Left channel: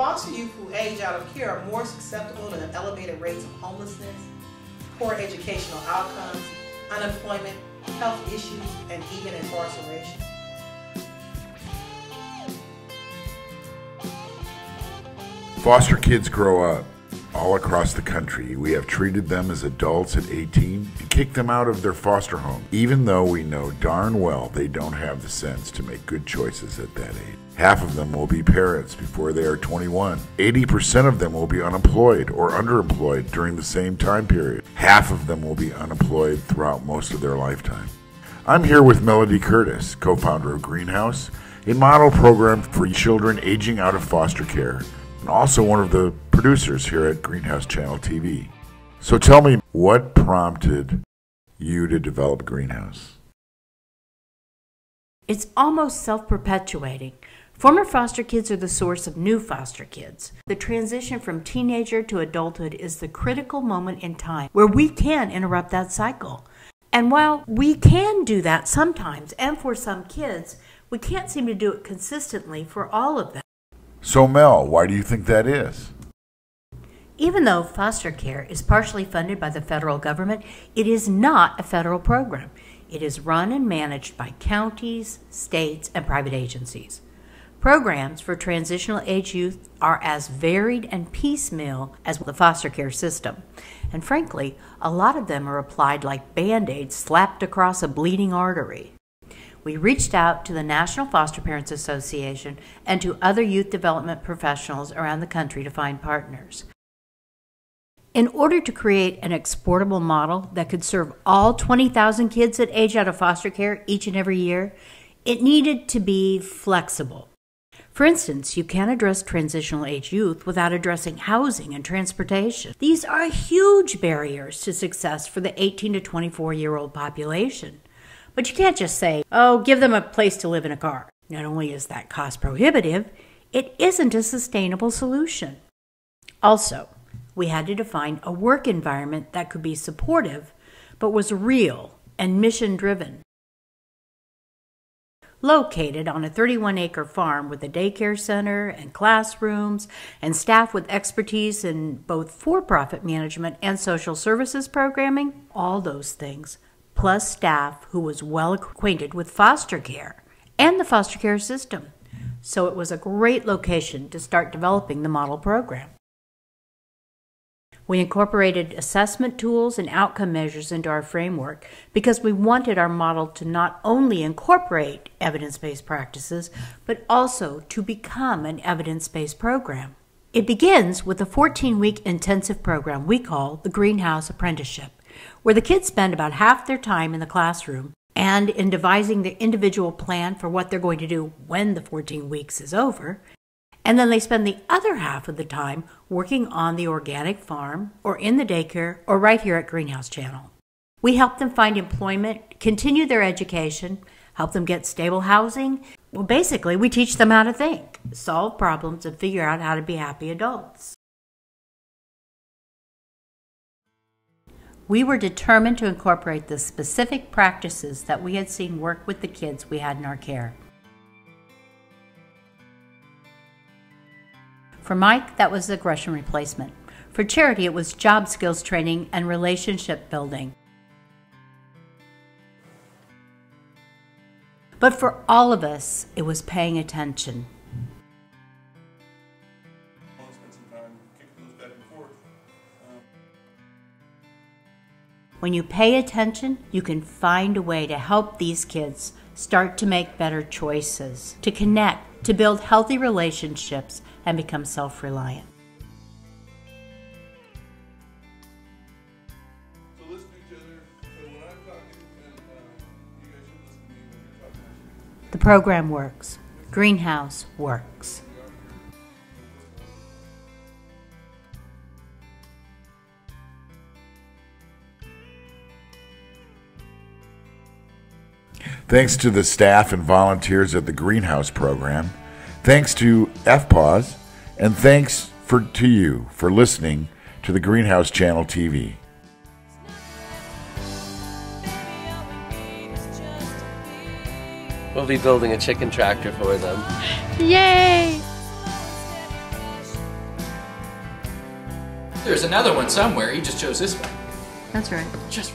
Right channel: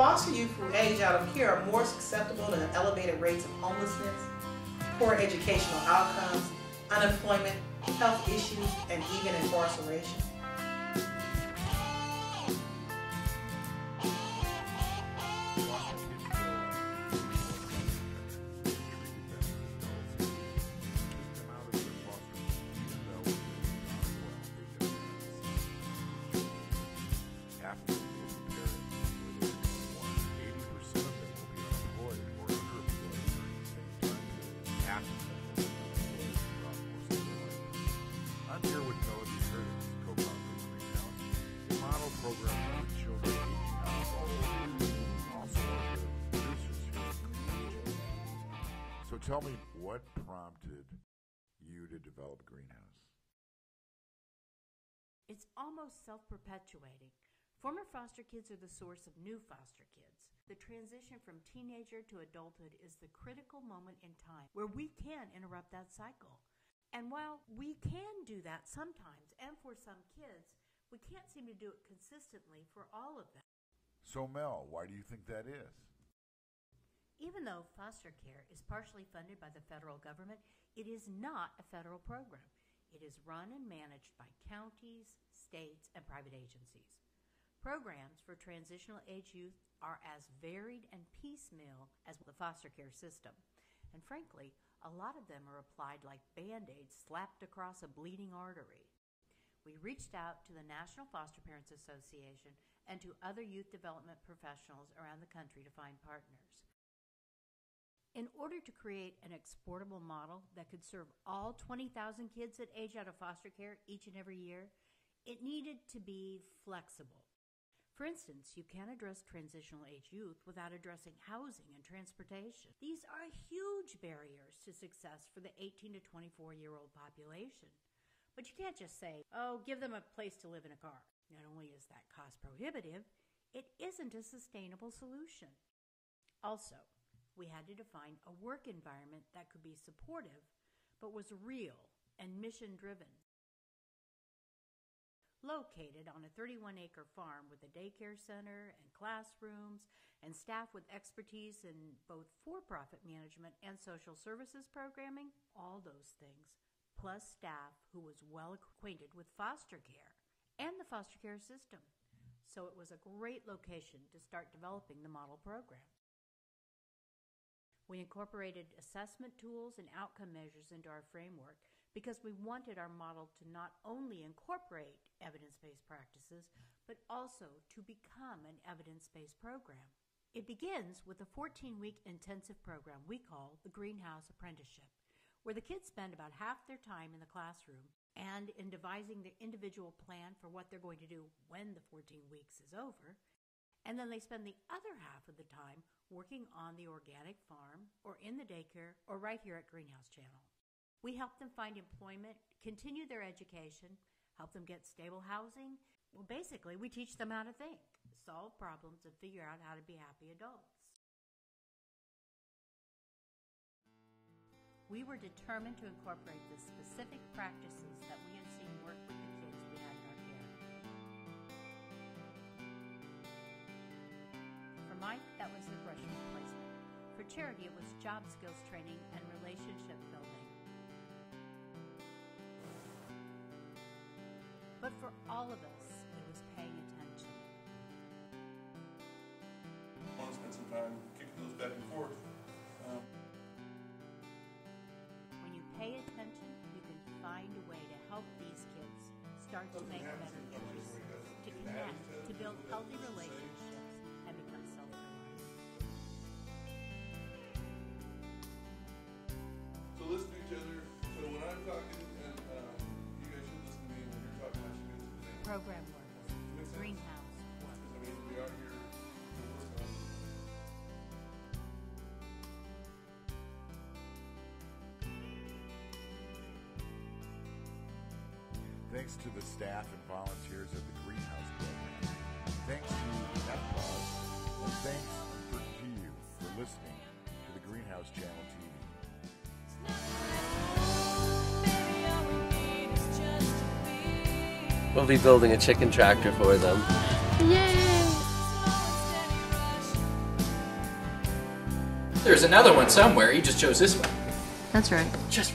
Foster youth who age out of care are more susceptible to elevated rates of homelessness, poor educational outcomes, unemployment, health issues, and even incarceration. Foster kids grow up all across the country. We have treated them as adults at 18 and kicked them out of their foster home, even though we know darn well they don't have the sense to make good choices at that age. Half of them will be parents before they are 21. 80% of them will be unemployed or underemployed during the same time period. Half of them will be unemployed throughout most of their lifetime. I'm here with Melody Curtis, co-founder of Greenhouse, a model program for children aging out of foster care, and also one of the producers here at Greenhouse Channel TV. So tell me, what prompted you to develop Greenhouse? It's almost self-perpetuating. Former foster kids are the source of new foster kids. The transition from teenager to adulthood is the critical moment in time where we can interrupt that cycle. And while we can do that sometimes, and for some kids, we can't seem to do it consistently for all of them. So Mel, why do you think that is? Even though foster care is partially funded by the federal government, it is not a federal program. It is run and managed by counties, states, and private agencies. Programs for transitional age youth are as varied and piecemeal as the foster care system. And frankly, a lot of them are applied like Band-Aids slapped across a bleeding artery. We reached out to the National Foster Parents Association and to other youth development professionals around the country to find partners. In order to create an exportable model that could serve all 20,000 kids that age out of foster care each and every year, it needed to be flexible. For instance, you can't address transitional age youth without addressing housing and transportation. These are huge barriers to success for the 18 to 24-year-old population. But you can't just say, oh, give them a place to live in a car. Not only is that cost prohibitive, it isn't a sustainable solution. Also, we had to define a work environment that could be supportive, but was real and mission-driven. Located on a 31-acre farm with a daycare center and classrooms and staff with expertise in both for-profit management and social services programming, all those things, plus staff who was well acquainted with foster care and the foster care system. So it was a great location to start developing the model program. We incorporated assessment tools and outcome measures into our framework because we wanted our model to not only incorporate evidence-based practices, but also to become an evidence-based program. It begins with a 14-week intensive program we call the Greenhouse Apprenticeship, where the kids spend about half their time in the classroom and in devising their individual plan for what they're going to do when the 14 weeks is over. And then they spend the other half of the time working on the organic farm or in the daycare or right here at Greenhouse Channel. We help them find employment, continue their education, help them get stable housing. Well, basically, we teach them how to think, solve problems, and figure out how to be happy adults. We were determined to incorporate the specific practices that we had seen work with the kids we had in our care. For Mike, that was aggression replacement. For Charity, it was job skills training and relationship building. But for all of us, it was paying attention. I want to spend some time kicking those back and forth. When you pay attention, you can find a way to help these kids start to make better choices, to connect, to build healthy relationships, and become self-reliant. So listen to each other. So when I'm talking, and you guys should listen to me. When you're talking, I should do the same. The program works. Greenhouse works. We are here. Thanks to the staff and volunteers at the Greenhouse program. Thanks to FPAWS, and thanks to you for listening to the Greenhouse Channel TV. We'll be building a chicken tractor for them. Yay! There's another one somewhere. You just chose this one. That's right. Just